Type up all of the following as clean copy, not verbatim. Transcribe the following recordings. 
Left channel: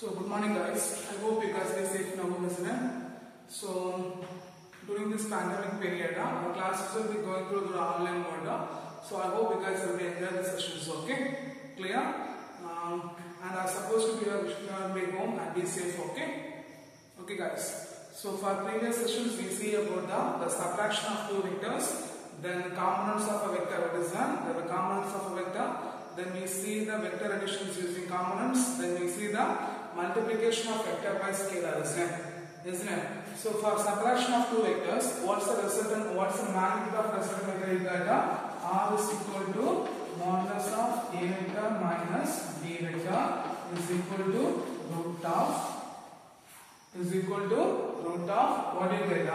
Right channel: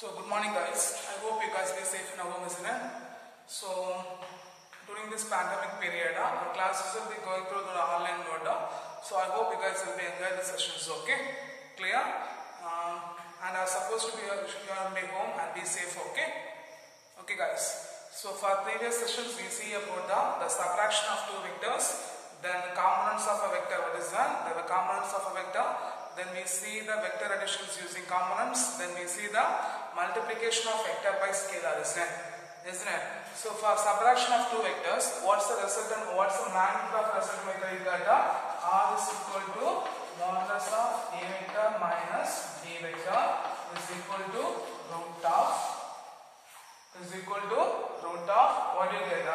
So good morning guys, I hope you guys be safe in our home, isn't it? So during this pandemic period, our classes will be going through the online mode. So I hope you guys will be enjoying the sessions, okay? Clear? And are supposed to be home and be safe, okay? Okay guys. So for previous sessions we see about the subtraction of two vectors, then components of a vector, what is that? The components of a vector. Then we see the vector additions using components. Then we see the multiplication of vector by scalar, isn't it? So for subtraction of two vectors, what's the resultant? What's the magnitude of resultant vector? You got R is equal to modulus of A vector minus B vector is equal to root of what do you get?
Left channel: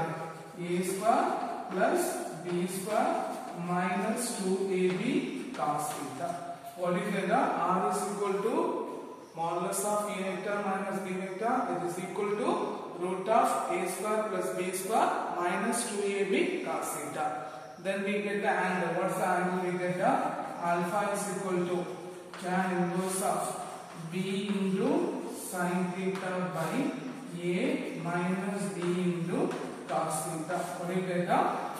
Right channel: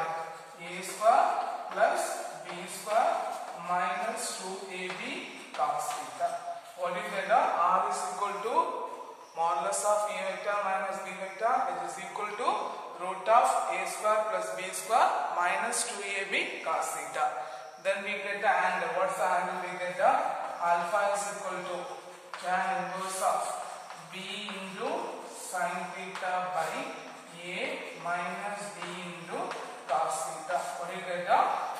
A square plus B square minus 2AB cos theta. What do you get? R is equal to modulus of A vector minus B vector. It is equal to root of A square plus B square minus 2AB cos theta. Then we get the angle. What's the angle we get? Alpha is equal to tan inverse of B into sin theta by A minus B into cos theta. What do you get?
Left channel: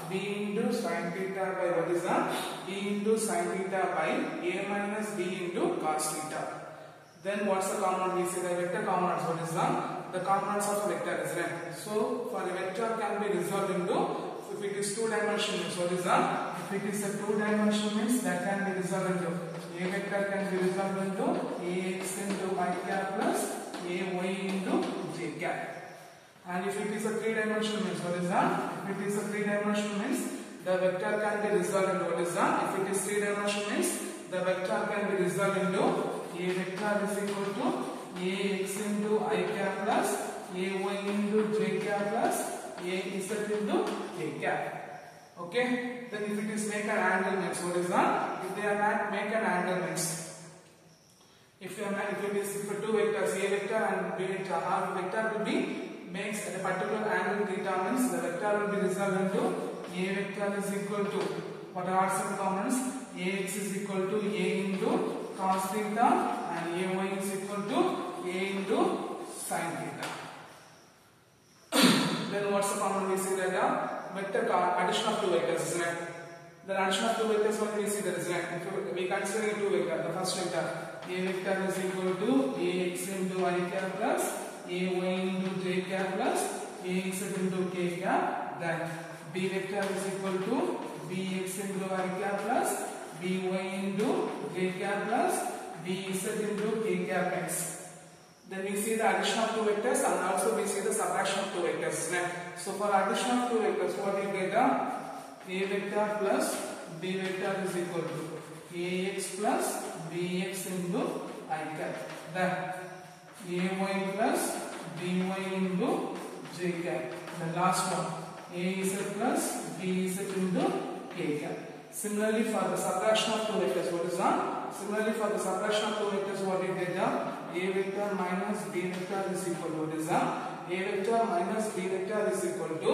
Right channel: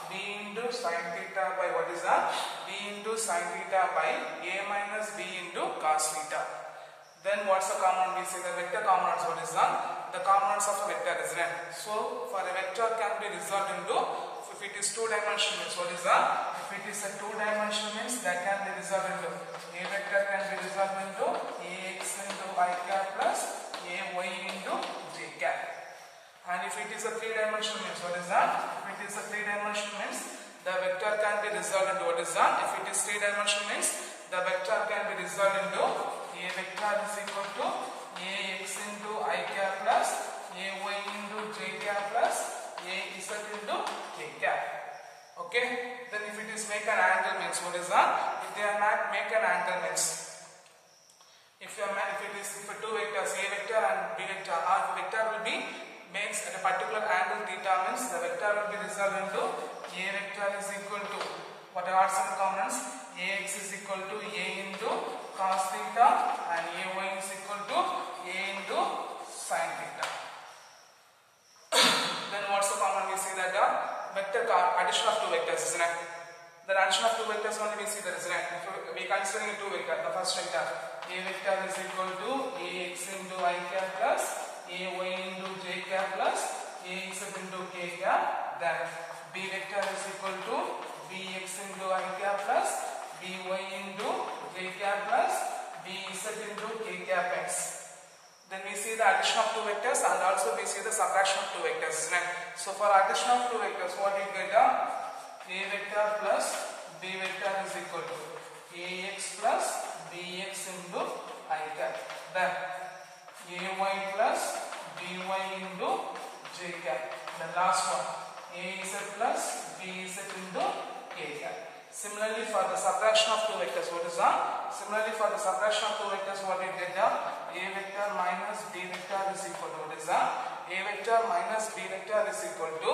B into sin theta by what is that? B into sin theta by A minus B into cos theta. Then what's the component? We see the vector components. What is that? The components of a vector, isn't it? So for a vector can be resolved into, if it is two-dimensional means what is that? If it is a two-dimensional means that can be resolved into, A vector can be resolved into Ax into I cap plus Ay into j cap. And if it is a three-dimensional means what is that? If it is a three-dimensional means the vector can be resolved into what is that? If it is three-dimensional means the vector can be resolved into A vector is equal to Ax into I cap plus Ay into j cap plus Az into k cap. Okay? Then if it is make an angle means what is that? If they are not make an angle means if it is for two vectors A vector and B vector, our vector will be makes at a particular angle theta means the vector will be resolved into A vector is equal to what are some components? Ax is equal to A into cos theta and Ay is equal to A into sin theta. Then what's the component? We see that vector addition of two vectors, isn't it? The addition of two vectors only we see that, isn't it? If we consider two vectors, the first vector A vector is equal to Ax into I cap plus Ay into j cap plus Ax into k cap. Then B vector is equal to Bx into I cap plus By into j cap plus Bz into k cap x. Then we see the addition of two vectors and also we see the subtraction of two vectors. So for addition of two vectors, what you get? A vector plus B vector is equal to Ax plus Bx into I cap. Then Ay plus By into j cap. The last one Az plus Bz into k cap. Similarly for the subtraction of two vectors, what is that? Similarly for the subtraction of two vectors, what we get? A vector minus B vector is equal to what is that? A vector minus B vector is equal to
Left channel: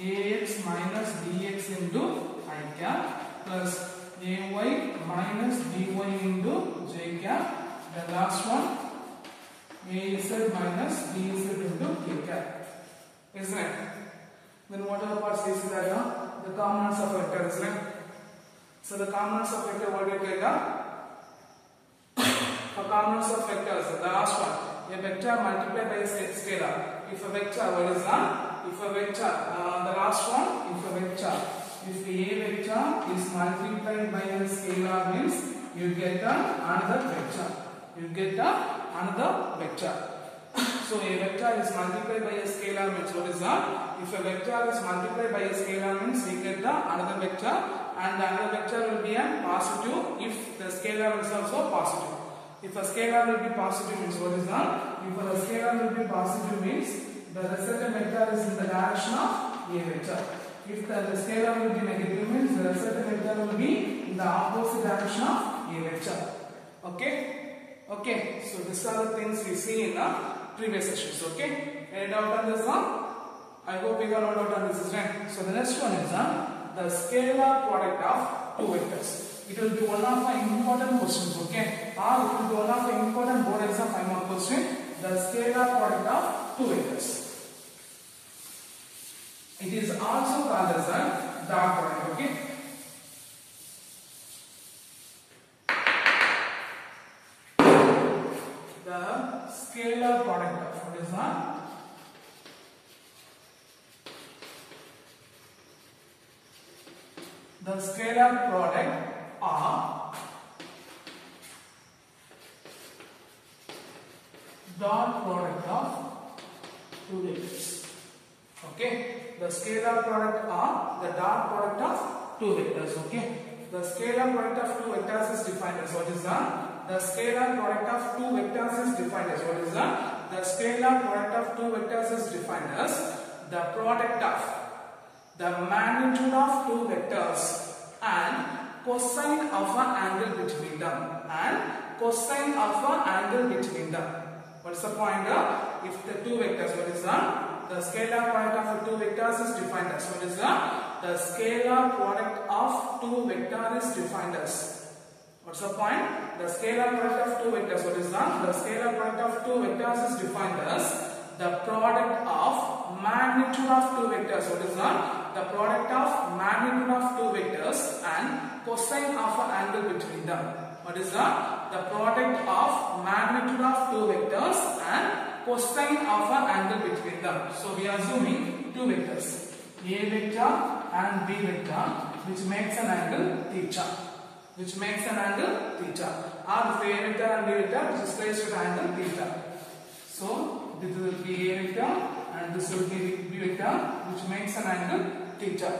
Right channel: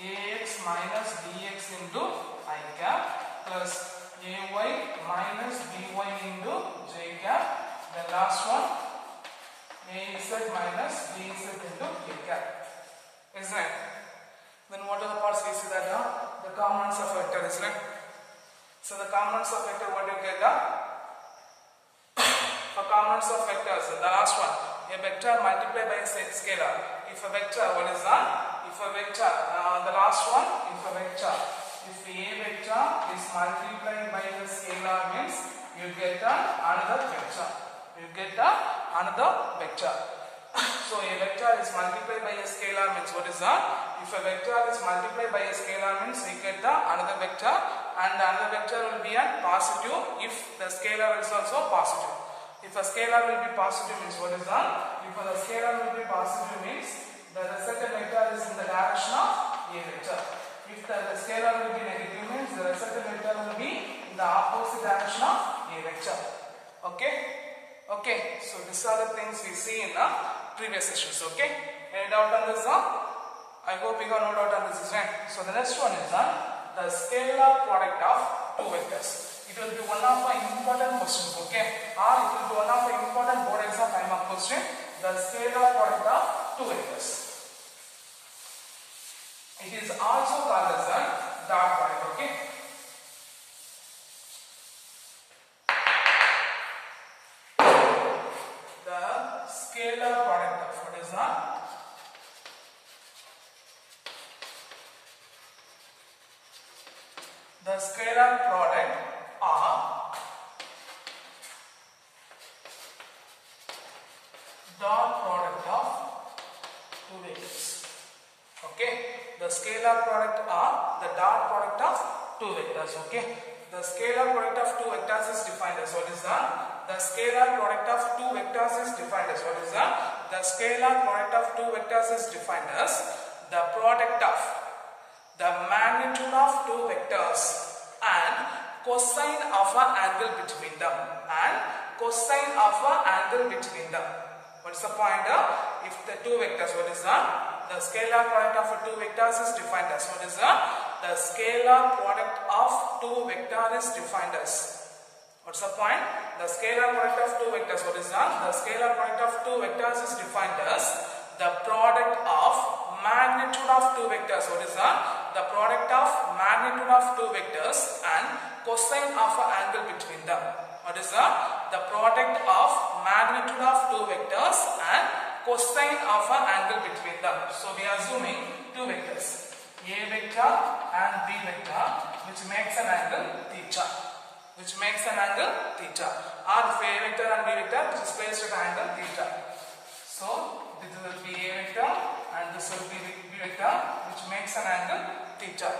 Ax minus Bx into I cap plus Ay minus By into j cap. The last one Az minus Bz into k cap. Isn't it? Then what are the parts we see that? The components of a vector, isn't it? So the components of vector, what do you get? For components of vectors, the last one, a vector multiplied by a scalar. If a vector, what is that? If a vector, the last one, if a vector, if A vector is multiplied by a scalar means you get another vector. You get another vector. So a vector is multiplied by a scalar means what is that? If a vector is multiplied by a scalar means we get another vector, and the other vector will be a positive if the scalar is also positive. If a scalar will be positive means what is that? If the scalar will be positive means the resultant vector is in the direction of A vector. If the scalar will be negative means the resultant vector will be in the opposite direction of A vector. Okay? Okay, so these are the things we see in the previous sessions. Okay? Any doubt on this one? I hope you got no doubt on this, isn't it? So the next one is the scalar product of two vectors. It will be one of the important questions. Okay? or it will be one of the important board exam 5 mark question, the scalar product of two vectors. It is also called as a dot product. Okay. The scalar product of what is that? The scalar product of dot product of two vectors. Okay, the scalar product of the dot product of two vectors. Okay, the scalar product of two vectors is defined as what is that? The scalar product of two vectors is defined as what is that? The scalar product of two vectors is defined as the product of the magnitude of two vectors and cosine of an angle between them, and cosine of an angle between them. What is the point? If the two vectors, what is that? The scalar product of two vectors is defined as what is that? The scalar product of two vectors is defined as. What's the point? The scalar product of two vectors, what is that? The scalar product of two vectors is defined as the product of magnitude of two vectors. What is that? The product of magnitude of two vectors and cosine of an angle between them. What is that? The product of magnitude of two vectors and cosine of an angle between them. So we are assuming two vectors, A vector and B vector, which makes an angle theta. Which makes an angle theta. Or if A vector and B vector, which is placed at angle theta. So this will be A vector and this will be B vector, which makes an angle theta.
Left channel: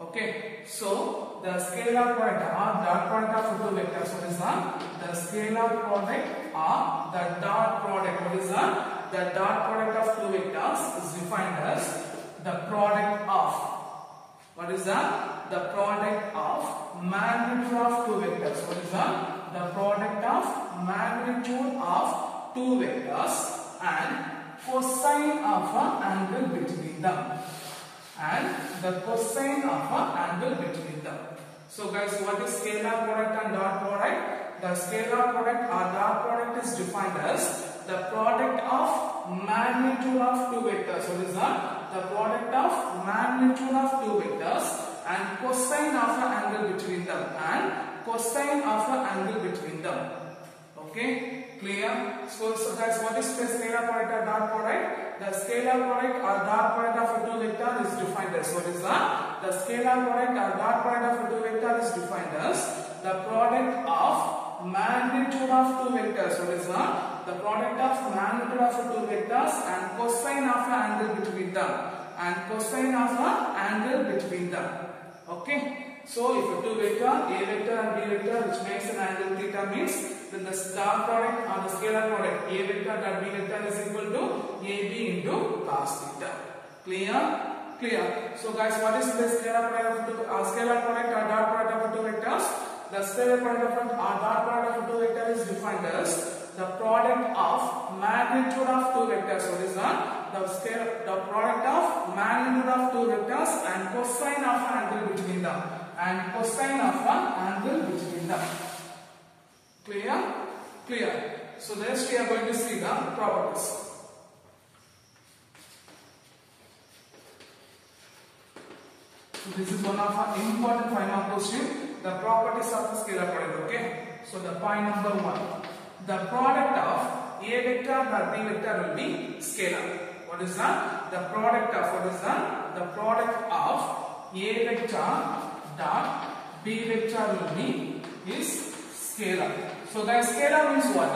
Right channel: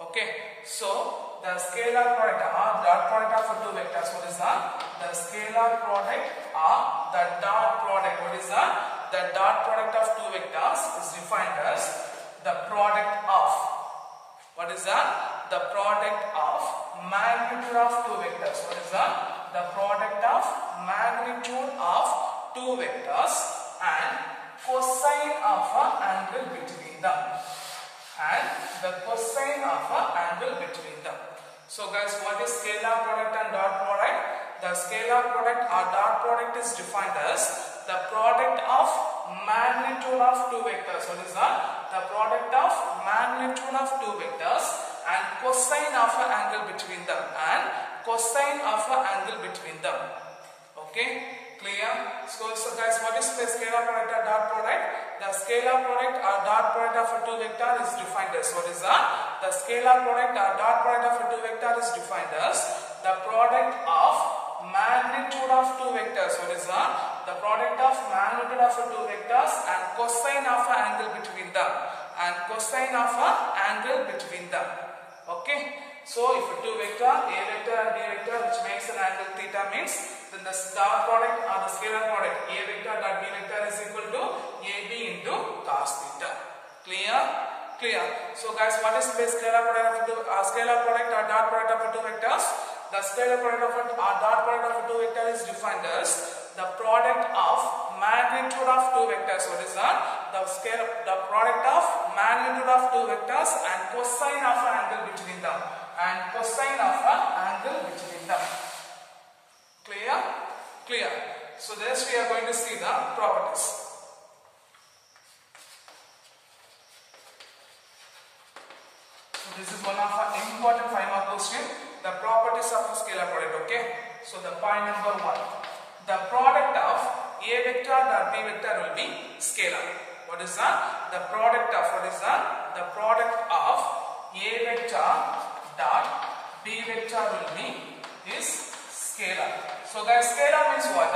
Okay. So the scalar product or dot product of two vectors, what is that? The scalar product or the dot product, what is that? The dot product of two vectors is defined as the product of, what is that? The product of magnitude of two vectors. What is that? The product of magnitude of two vectors and cosine of an angle between them. And the cosine of an angle between them. So guys, what is scalar product and dot product? The scalar product or dot product is defined as the product of magnitude of two vectors. What is that? The product of magnitude of two vectors and cosine of an angle between them. And cosine of an angle between them. Okay, clear? So guys, what is the scalar product or dot product? The scalar product or dot product of a two vector is defined as what is that? The scalar product or dot product of a two vector is defined as the product of magnitude of two vectors. What is that? The product of magnitude of two vectors and cosine of an angle between them. And cosine of an angle between them. Okay. So if a two vector, A vector and B vector, which makes an angle theta, means then the dot product or the scalar product A vector dot B vector is equal to AB into cos theta. Clear? Clear. So guys, what is the scalar product of two, scalar product or dot product of two vectors? The scalar product of or dot product of two vector is defined as the product of magnitude of two vectors. What is that? The product of magnitude of two vectors and cosine of an angle between them. And cosine of an angle between them. Clear? Clear. So this we are going to see the properties. So this is one of our important 5 mark question. The properties of a scalar product. Okay. So the point number 1. The product of A vector dot B vector will be scalar. What is that? The product of, what is that? The product of A vector dot B vector will be is scalar. So guys, scalar means what?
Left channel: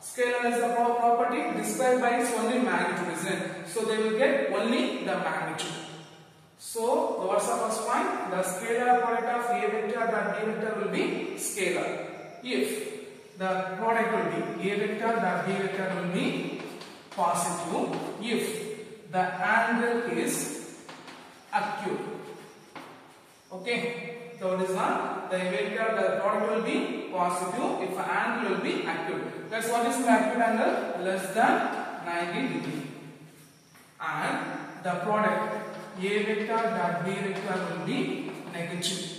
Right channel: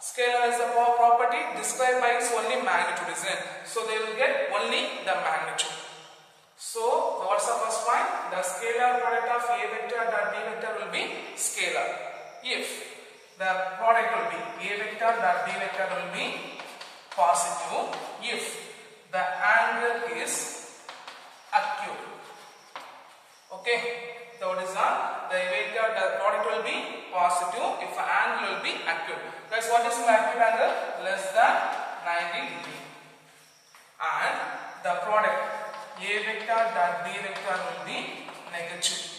Scalar is the property described by its only magnitude, isn't it? So they will get only the magnitude. So what's the first point? The scalar product of A vector dot B vector will be scalar. If the product will be A vector dot B vector will be positive if the angle is acute. Okay. So what is that? The vector, the product will be positive if the angle will be acute. Guys, what is the acute angle? Less than 90 degree. And the product A vector dot B vector will be negative.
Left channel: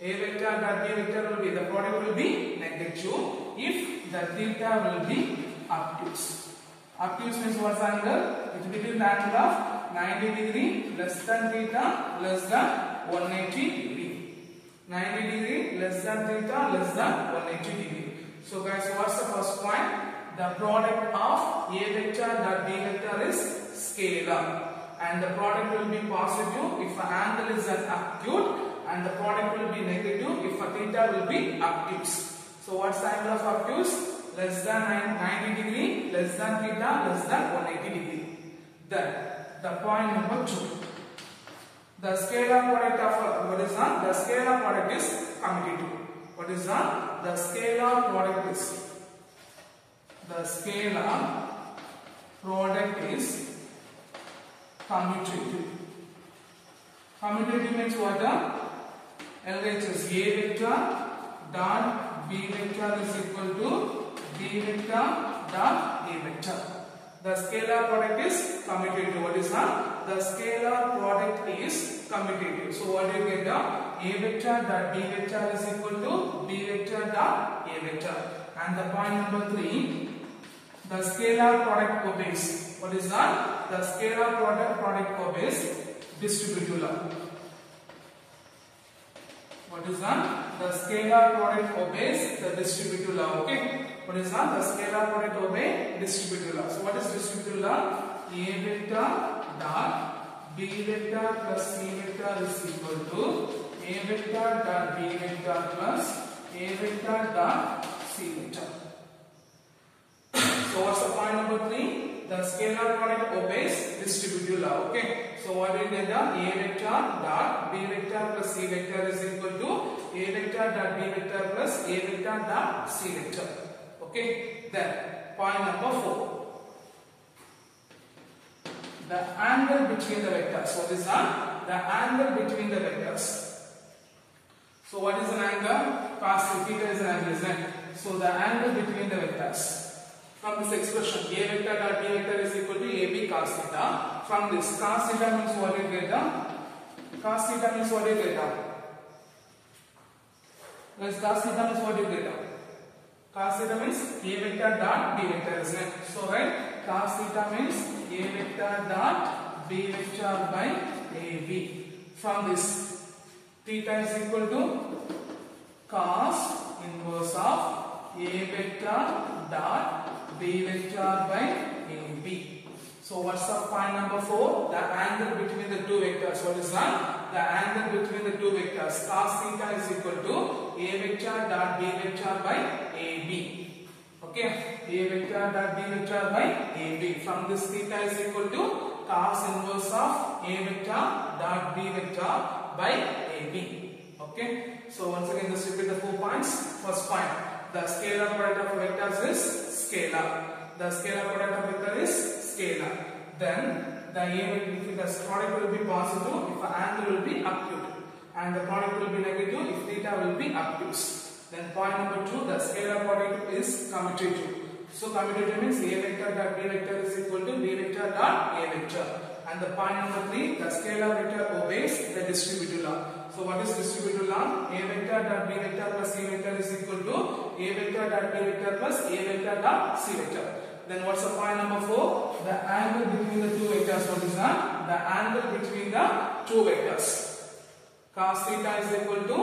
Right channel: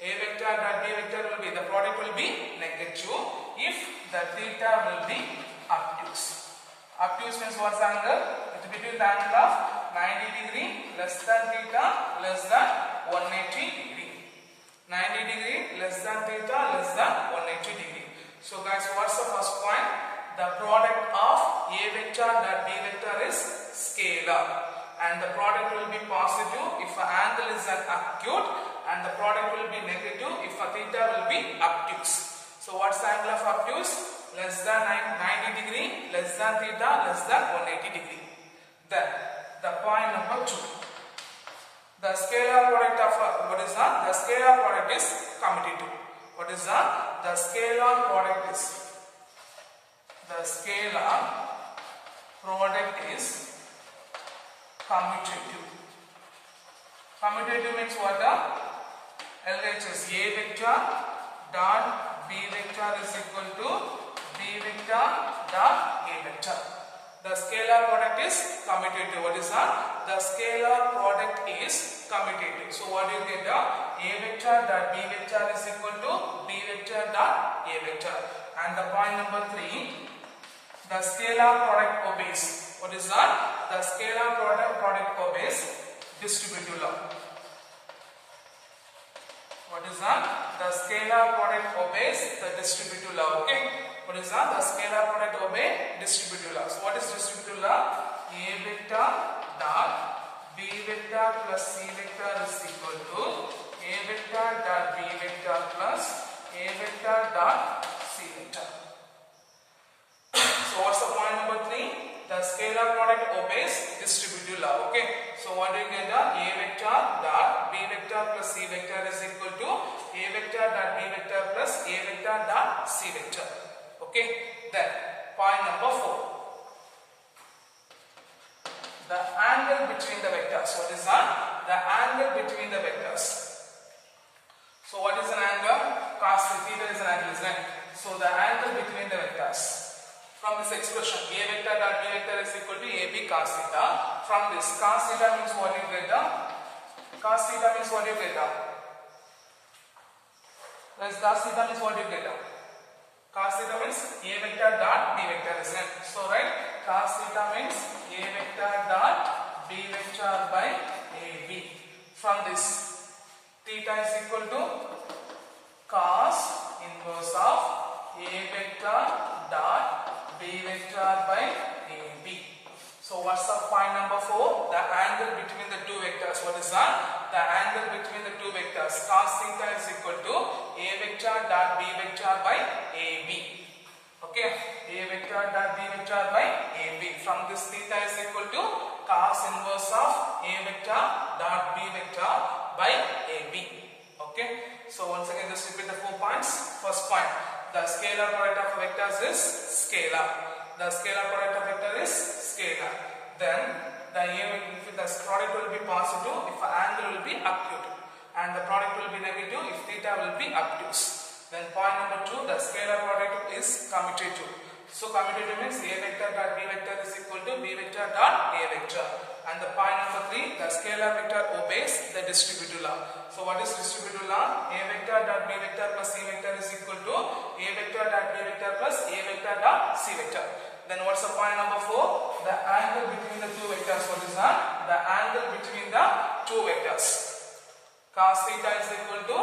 A vector dot B vector will be, the product will be negative if the theta will be obtuse. Obtuse means what's the angle? It's between the angle of 90 degree less than theta less than 180 degree. 90 degree less than theta less than 180 degree. So guys, what's the first point? The product of A vector dot B vector is scalar, and the product will be positive if the angle is an acute, and the product will be negative if a theta will be obtuse. So what's the angle of obtuse? Less than 90 degree, less than theta, less than 180 degree. Then the point number 2. The scalar product of what is that? The scalar product is commutative. What is that? The scalar product is commutative. Commutative means what? LHS A vector dot B vector is equal to B vector dot A vector. The scalar product is commutative. What is that? The scalar product is commutative. So what do you get? A vector dot B vector is equal to B vector dot A vector. And the point number 3, the scalar product obeys. What is that? The scalar product obeys distributive law. What is that? The scalar product obeys the distributive law. Okay. What is that? The scalar product obeys distributive law. So what is distributive law? A vector dot B vector plus C vector is equal to A vector dot B vector plus A vector dot C vector. So what's the point number 3? The scalar product obeys distributive law. Okay. So what do you get? A vector dot B vector plus C vector is equal to A vector dot B vector plus A vector dot C vector. Okay. Then point number 4. The angle between the vectors. What is that? The angle between the vectors. So what is an angle? Cos theta is an angle, isn't it? So the angle between the vectors. From this expression, A vector dot B vector is equal to AB cos theta. From this, cos theta means what you get? Cos theta means what you get? Whereas cos theta means what you get? Cos theta means A vector dot B vector, isn't it? So right, cos theta means A vector dot B vector by AB. From this, theta is equal to cos inverse of A vector dot B vector by AB. So what's the point number 4? The angle between the two vectors. What is that? The angle between the two vectors. Cos theta is equal to A vector dot B vector by AB. Okay. A vector dot B vector by AB. From this, theta is equal to cos inverse of A vector dot B vector by AB. Okay. So once again, just repeat the 4 points. First point. The scalar product of vectors is scalar. The scalar product of vector is scalar. Then the product will be positive if the angle will be acute, and the product will be negative if theta will be obtuse. Then point number 2, the scalar product is commutative. So commutative means A vector dot B vector is equal to B vector dot A vector. And the point number 3, the scalar vector obeys the distributive law. So what is distributive law? A vector dot B vector plus C vector is equal to A vector dot B vector plus A vector dot C vector. Then what's the point number 4? The angle between the two vectors. What is that? The angle between the two vectors. Cos theta is equal to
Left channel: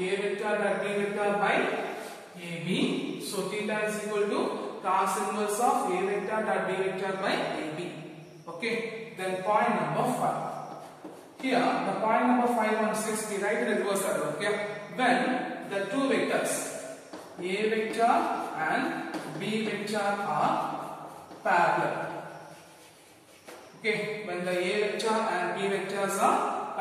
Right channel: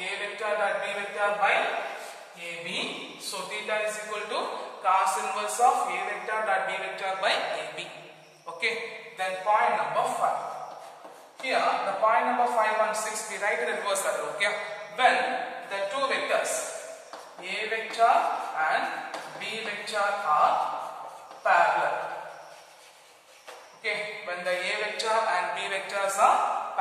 A vector dot B vector by AB. So theta is equal to cos inverse of A vector dot B vector by AB. Okay. Then point number 5. Here, the point number 5 and 6, we write it in reverse order. Okay. When the two vectors A vector and B vector are parallel. Okay. When the A vector and B vectors are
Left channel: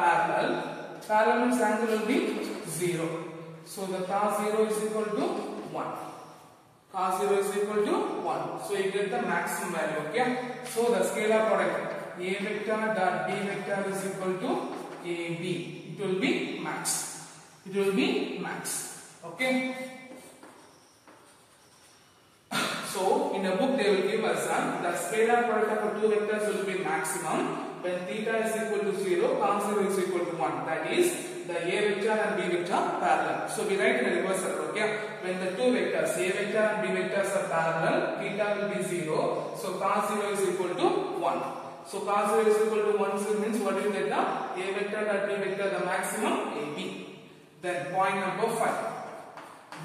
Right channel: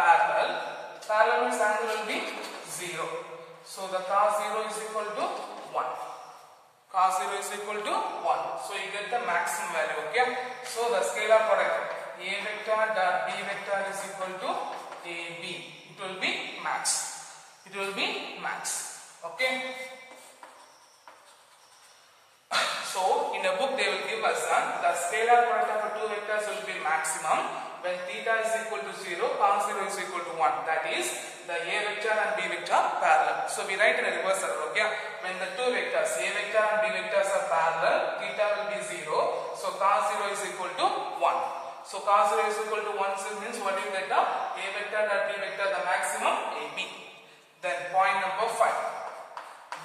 parallel means angle will be 0. So the cos 0 is equal to 1. Cos 0 is equal to 1. So you get the maximum value. Okay. So the scalar product A vector dot B vector is equal to AB. It will be max. It will be max. Okay. So in a book they will give us the scalar product of two vectors will be maximum when theta is equal to 0, cos 0 is equal to 1. That is, the A vector and B vector parallel. So we write in a reverse order, okay? When the two vectors A vector and B vectors are parallel, theta will be 0. So cos 0 is equal to 1. So cos 0 is equal to 1 means what do you get now? A vector and B vector the maximum AB. Then point number 5.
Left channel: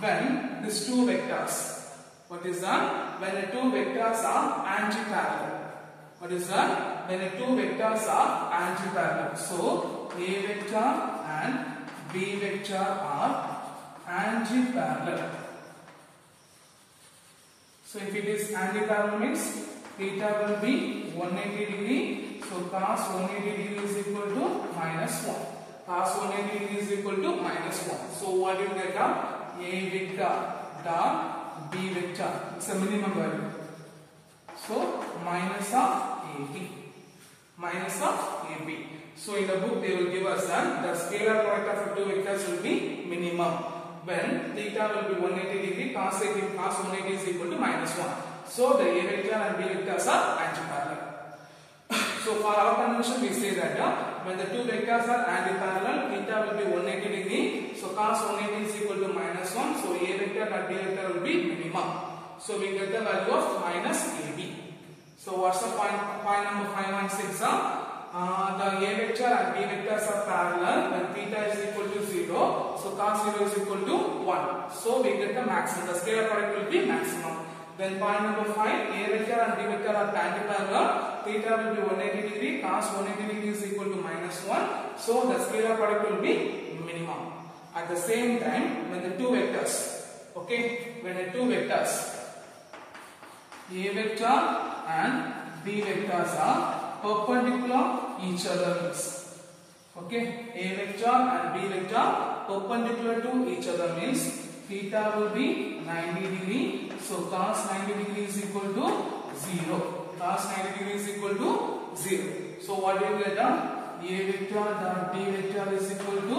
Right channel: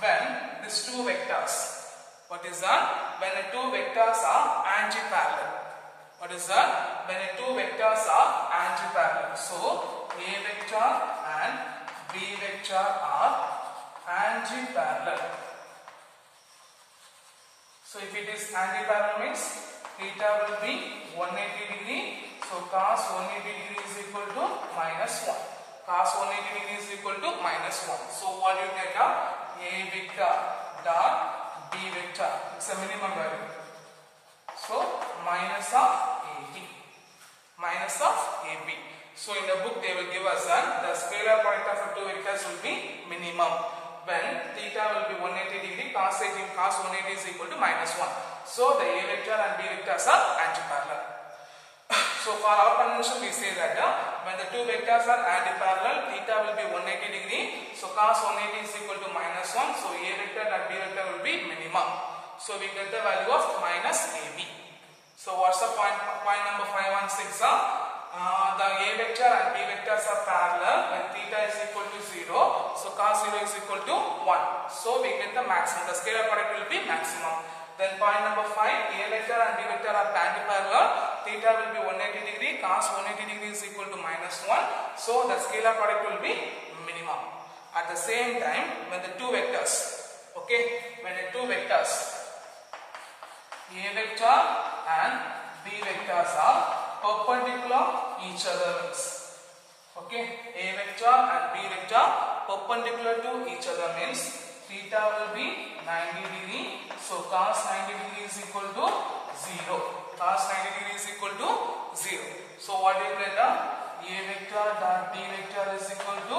When these two vectors, what is that? When the two vectors are anti-parallel. What is that? When the two vectors are anti-parallel. So A vector and B vector are anti-parallel. So if it is anti-parallel means theta will be 180 degree. So cos 180 degree is equal to minus 1. Cos 180 degree is equal to minus 1. So what do you get now? A vector dot B vector. It's a minimum value. So minus of AB. Minus of AB. So in the book they will give us the scalar product of two vectors will be minimum. When theta will be 180 degree, cos 180 is equal to minus 1. So the A vector and B vectors are anti-parallel. So for our convention we say that when the two vectors are anti-parallel, theta will be 180 degree. So cos 180 is equal to minus 1. So A vector and B vector will be minimum. So we get the value of minus AB. So what's the point number 5 and 6? The A vector and B vectors are parallel when theta is equal to 0. So cos 0 is equal to 1. So we get the maximum. The scalar product will be maximum. Then point number 5, A vector and B vector are anti-parallel. Theta will be 180 degree. Cos 180 degree is equal to minus 1. So the scalar product will be minimum. At the same time, when the two vectors, okay, when the two vectors A vector and B vectors are perpendicular each other means, okay, A vector and B vector perpendicular to each other means theta will be 90 degree. So cos 90 degree is equal to 0. Cos 90 degree is equal to 0. So what do you get? A vector dot B vector is equal to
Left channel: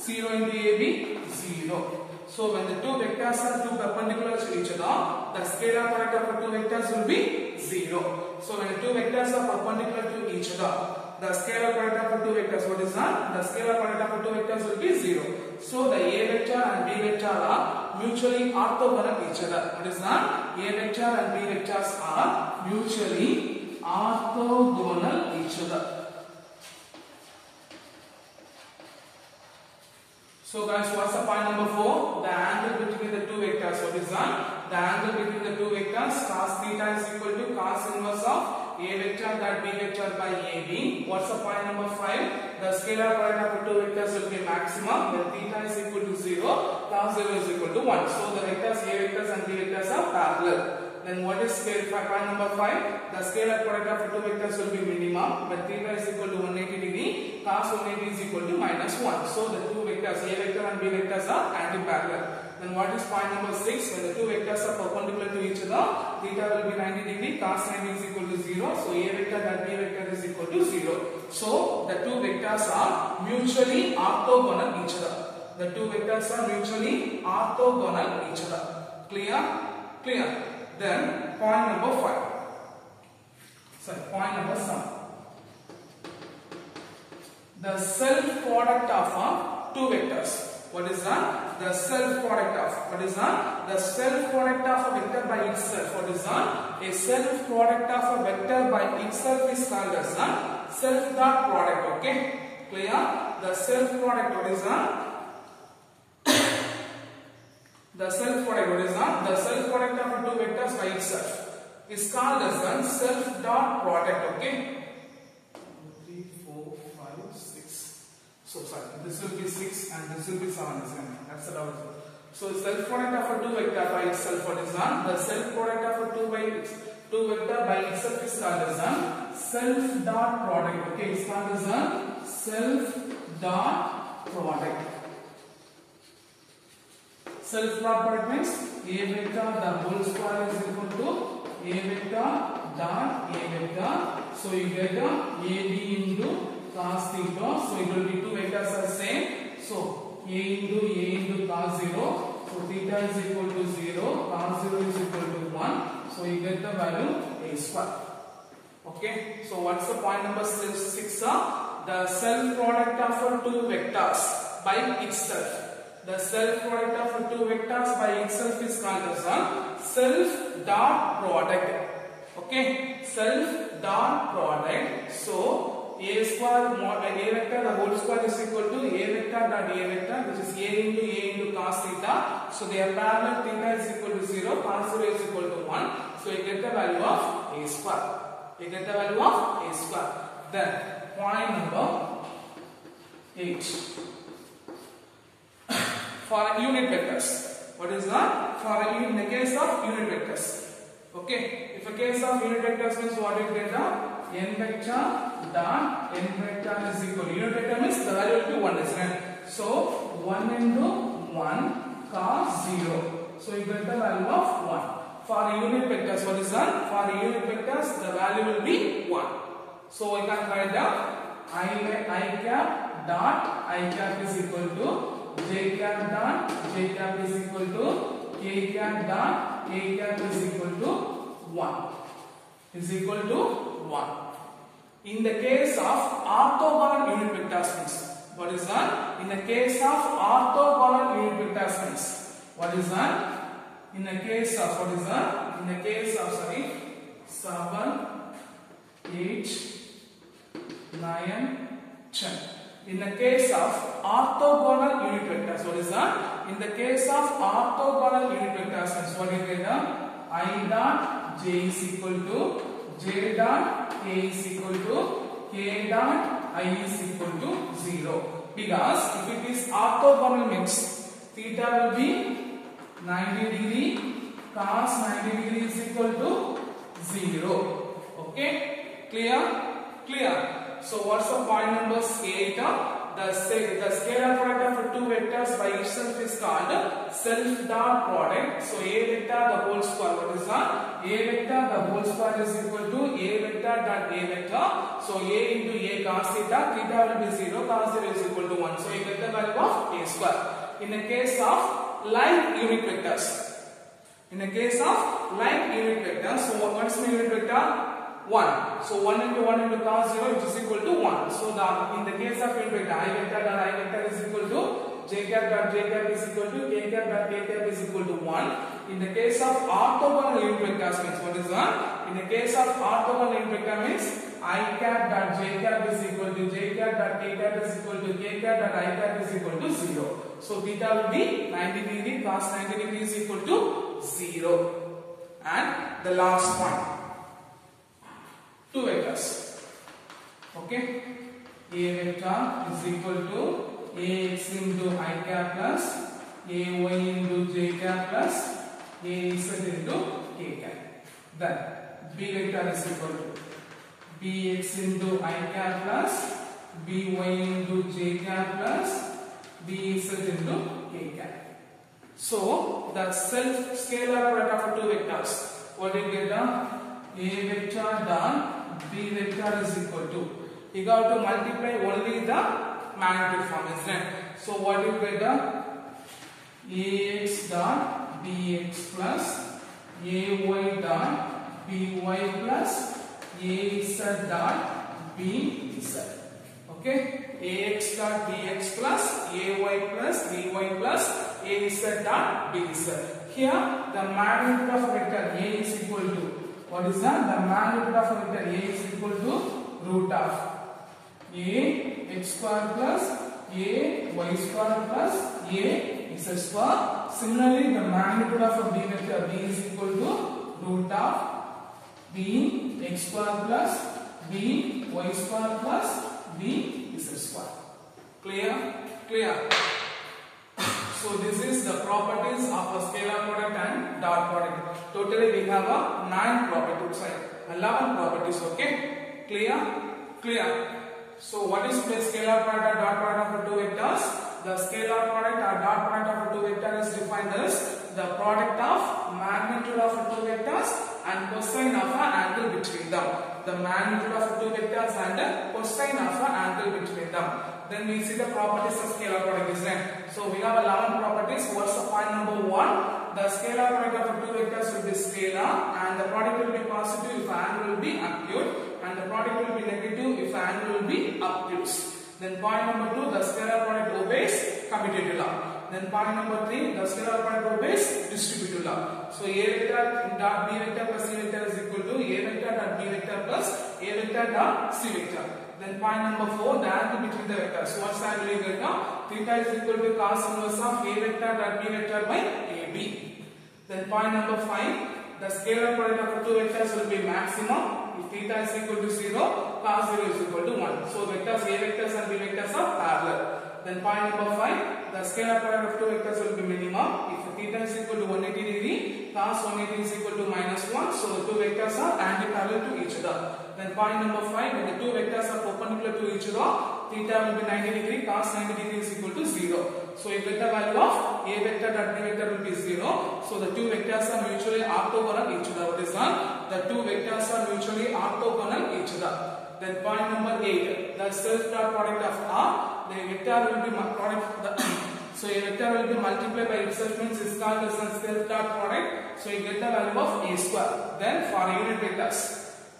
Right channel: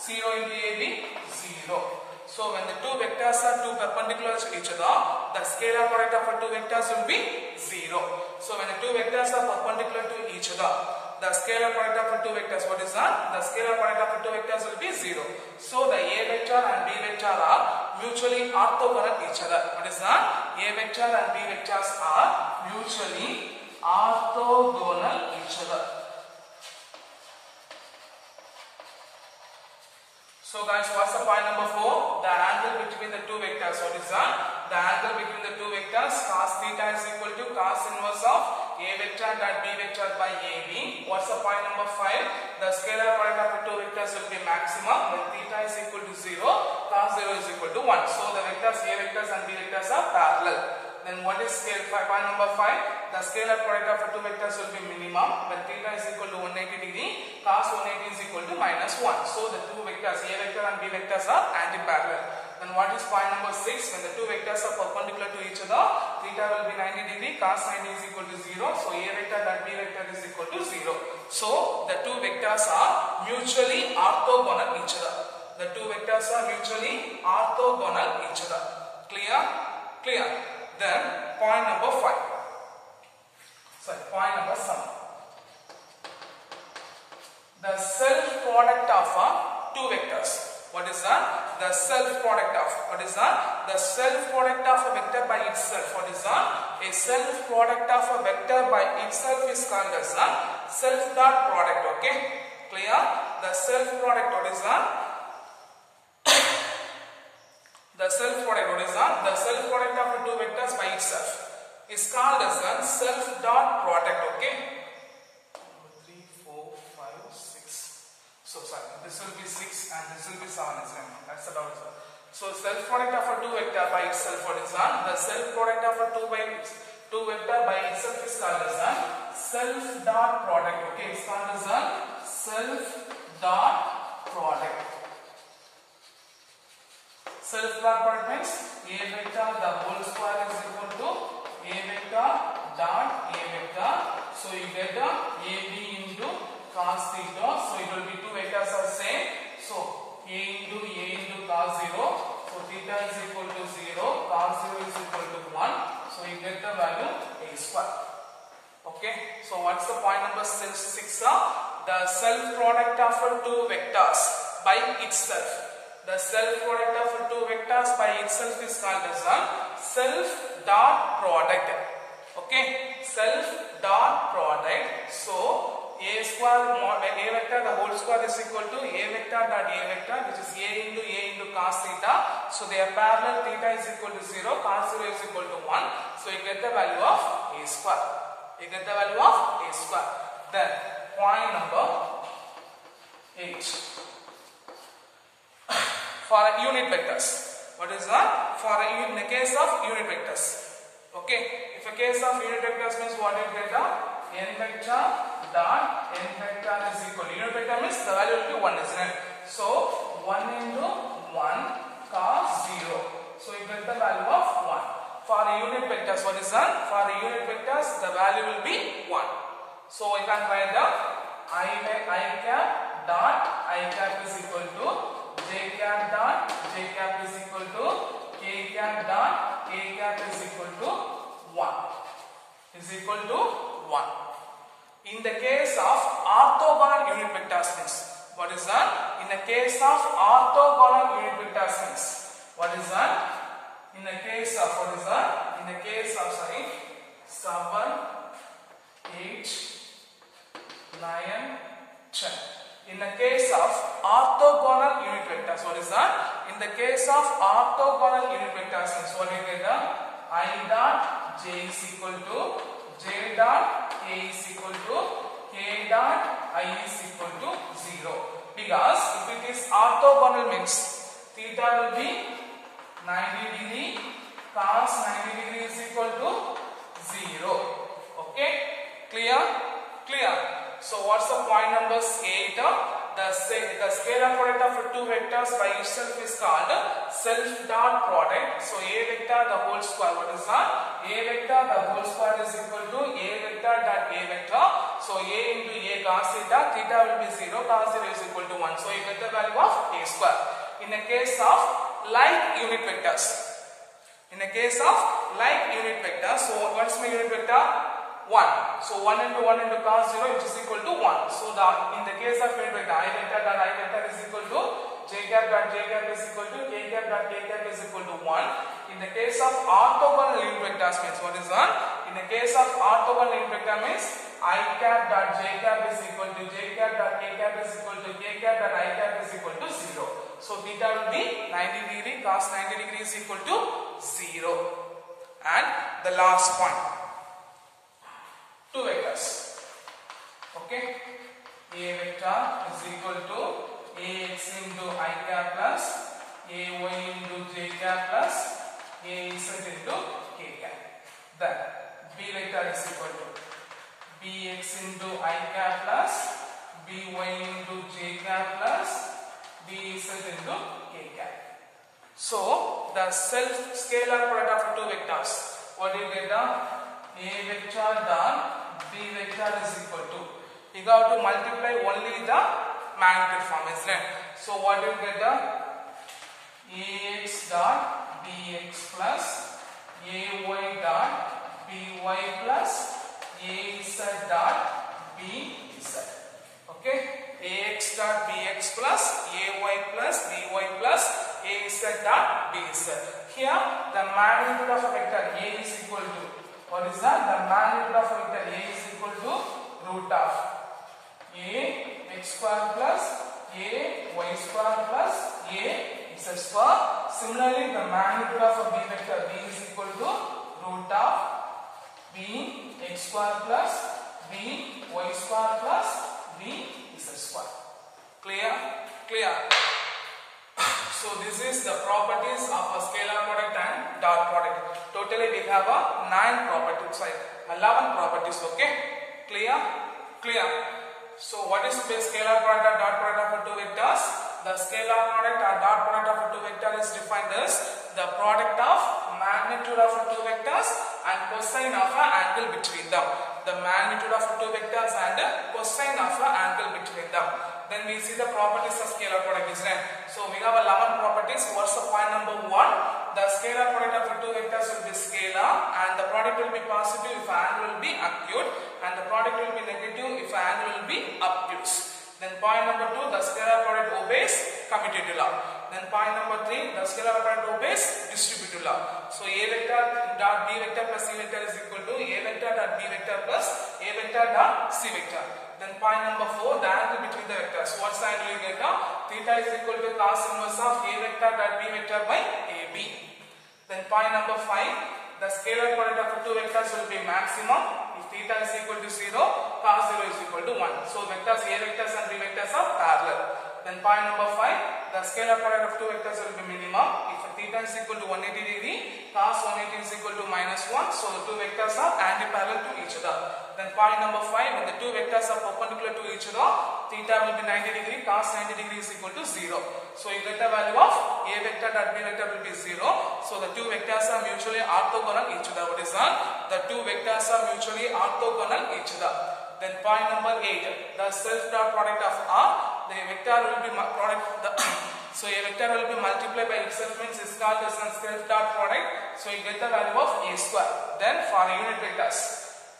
0 into AB, 0. So when the two vectors are two perpendicular to each other, the scalar product of the two vectors will be 0. So when the two vectors are perpendicular to each other, the scalar product of the two vectors, what is that? The scalar product of the two vectors will be 0. So the A vector and B vector are mutually orthogonal each other. What is that? A vector and B vectors are mutually orthogonal each other. So guys, what's the point number 4? The angle between the two vectors. What is that? The angle between the two vectors, cos theta is equal to cos inverse of A vector dot B vector by AB. What's the point number 5? The scalar product of the two vectors will be maximum when theta is equal to 0, cos 0 is equal to 1. So the vectors A vectors and B vectors are parallel. Then what is point number 5? The scalar product of the two vectors will be minimum when theta is equal to 180 degree, cos 180 is equal to minus 1. So the two vectors A vector and B vectors are anti-parallel. Then what is point number 6? When the two vectors are perpendicular to each other, theta will be 90 degree, cos 90 is equal to 0. So A vector and B vector is equal to 0. So the two vectors are mutually orthogonal each other. The two vectors are mutually orthogonal each other. Clear? Clear. Then point number 5. Sorry, point number 7. The self product of two vectors. What is that? The self product of. What is that? The self product of a vector by itself. What is that? A self product of a vector by itself is called as a self dot product. Okay? Clear? The self product. What is that? The self product. What is that? The self product of two vectors by itself is called as a self dot product. Okay? 3, 4, 5, 6. So sorry, this will be 6 and this will be 7. That's the doubt. So self product of a two vector by itself. What is that? The self product of a two vector by itself is called as a self dot product. Okay? It's called as a self dot product. Self dot product means A vector the whole square is equal to A vector dot A vector. So you get AB into cos theta. So it will be two vectors are same. So A into cos 0. So theta is equal to 0. Cos 0 is equal to 1. So you get the value A square. Okay. So what's the point number 6? The self product of two vectors. by itself. The self product of two vectors by itself is called as a self dot product. Okay, self dot product. So a square a vector the whole square is equal to a vector dot a vector, which is a into cos theta. So they are parallel. Theta is equal to 0, cos 0 is equal to 1. So you get the value of a square. You get the value of a square. Then point number 8. For unit vectors, what is that? For in the case of unit vectors. Okay, if a case of unit vectors means what you get the n vector dot n vector is equal to unit vector means the value will be 1, isn't it? So 1 into 1 cos 0. So you get the value of 1. For unit vectors, what is that? For unit vectors, the value will be 1. So we can write down I cap dot I cap is equal to j cap dot j cap is equal to k cap dot k cap is equal to 1. Is equal to 1. In the case of orthogonal unit vectors means, what is that? In the case of orthogonal unit vectors means, what is that? In the case of, what is that? In the case of, 7, 8, 9, 10. In the case of orthogonal unit vectors, what is that? In the case of orthogonal unit vectors means, what you get? I dot j is equal to j dot k is equal to k dot I is equal to 0. Because if it is orthogonal means theta will be 90 degree, cos 90 degree is equal to 0. Okay, clear? Clear. So what's the point number 8? The scalar product of two vectors by itself is called self dot product. So a vector the whole square, what is that? A vector the whole square is equal to a vector dot a vector. So a into a cos theta, theta will be 0, cos 0 is equal to 1. So you get the value of a square. In the case of like unit vectors, in the case of like unit vectors, so what's my unit vector? 1. So 1 into cos 0 which is equal to 1. So in the case of unit vector, I vector dot I vector is equal to j cap dot j cap is equal to k cap dot k cap is equal to 1. In the case of orthogonal unit vectors means, what is that? In the case of orthogonal unit vector means I cap dot j cap is equal to j cap dot k cap is equal to k cap dot I cap is equal to 0. So theta will be 90 degree, cos 90 degree is equal to 0. And the last point. Two vectors. Okay, a vector is equal to ax into I cap plus ay into j cap plus az into k cap. Then b vector is equal to bx into I cap plus by into j cap plus bz into k cap. So the self scalar product of two vectors, what do you get? A vector dot b vector is equal to, you have to multiply only the magnitude form, isn't it? So what you get? Ax dot bx plus ay dot by plus az dot bz. Okay, ax dot bx plus ay plus by plus az dot bz. Here the magnitude of a vector a is equal to, what is that? The magnitude of a vector a is equal to root of a x square plus a y square plus a z square. Similarly, the magnitude of a b vector b is equal to root of b x square plus b y square plus b z square. Clear? Clear. So this is the properties of a scalar product and dot product. Totally we have a 9 properties, sorry, 11 properties. Okay, clear? Clear. So what is the scalar product or dot product of two vectors? The scalar product or dot product of two vectors is defined as the product of magnitude of two vectors and cosine of an angle between them. The magnitude of two vectors and cosine of an angle between them. Then we see the properties of scalar product, isn't it? So we have 11 properties. What's the point number 1? The scalar product of two vectors will be scalar and the product will be positive if angle will be acute and the product will be negative if angle will be obtuse. Then point number 2, the scalar product obeys commutative law. Then point number 3, the scalar product obeys distributive law. So A vector dot B vector plus C vector is equal to A vector dot B vector plus A vector dot C vector. Then point number 4, the angle between the vectors. What's the angle here? Theta is equal to cos inverse of A vector dot B vector by AB. Then point number 5, the scalar product of the two vectors will be maximum if theta is equal to 0, cos 0 is equal to 1. So vectors A vectors and B vectors are parallel. Then point number 5, the scalar product of two vectors will be minimum if theta is equal to 180 degree, cos 180 is equal to -1. So the two vectors are anti-parallel to each other. Then point number 5, when the two vectors are perpendicular to each other, theta will be 90 degree, cos 90 degree is equal to 0. So you get the value of A vector dot B vector will be 0. So the two vectors are mutually orthogonal each other. What is that? The two vectors are mutually orthogonal each other. Then point number 8, the self dot product of R, the vector will be so a vector will be multiplied by itself, means is called as self dot product. So you get the value of A square. Then for unit vectors,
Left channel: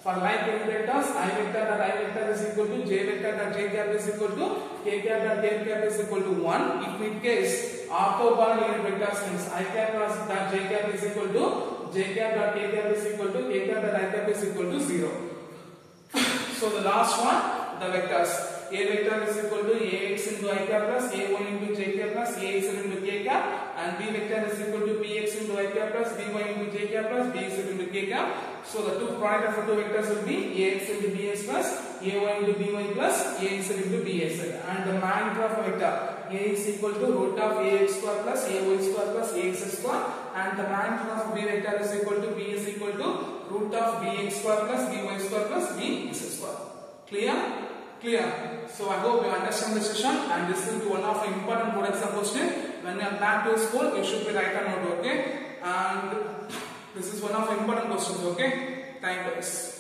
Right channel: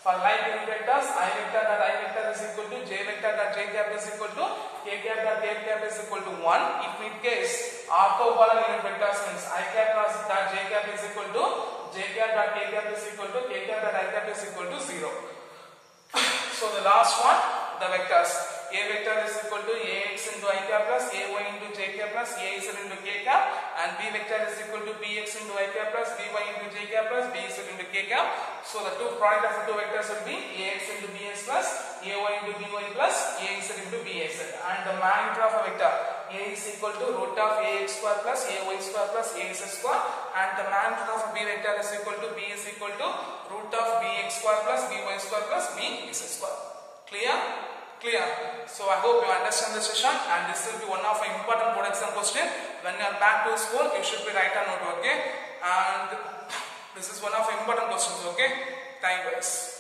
for like unit vectors, I vector dot I vector is equal to J vector dot J cap is equal to K cap dot K cap is equal to 1. If in case orthogonal unit vectors means I cap dot J cap is equal to J cap dot K cap is equal to K cap dot I cap is equal to 0. So the last one, the vectors. A vector is equal to Ax into I cap plus Ay into J cap plus Az into K cap, and B vector is equal to Bx into I cap plus By into J cap plus Bz into K cap. So the two product of the two vectors will be Ax into Bx plus Ay into By plus Az into Bz, and the magnitude of a vector A is equal to root of Ax square plus Ay square plus Az square, and the magnitude of B vector is equal to B is equal to root of Bx square plus By square plus Bz square. Clear? Clear. So I hope you understand the session, and this will be one of the important board exam question. When you are back to school, you should be write a note, okay? And this is one of the important questions, okay? Time wise.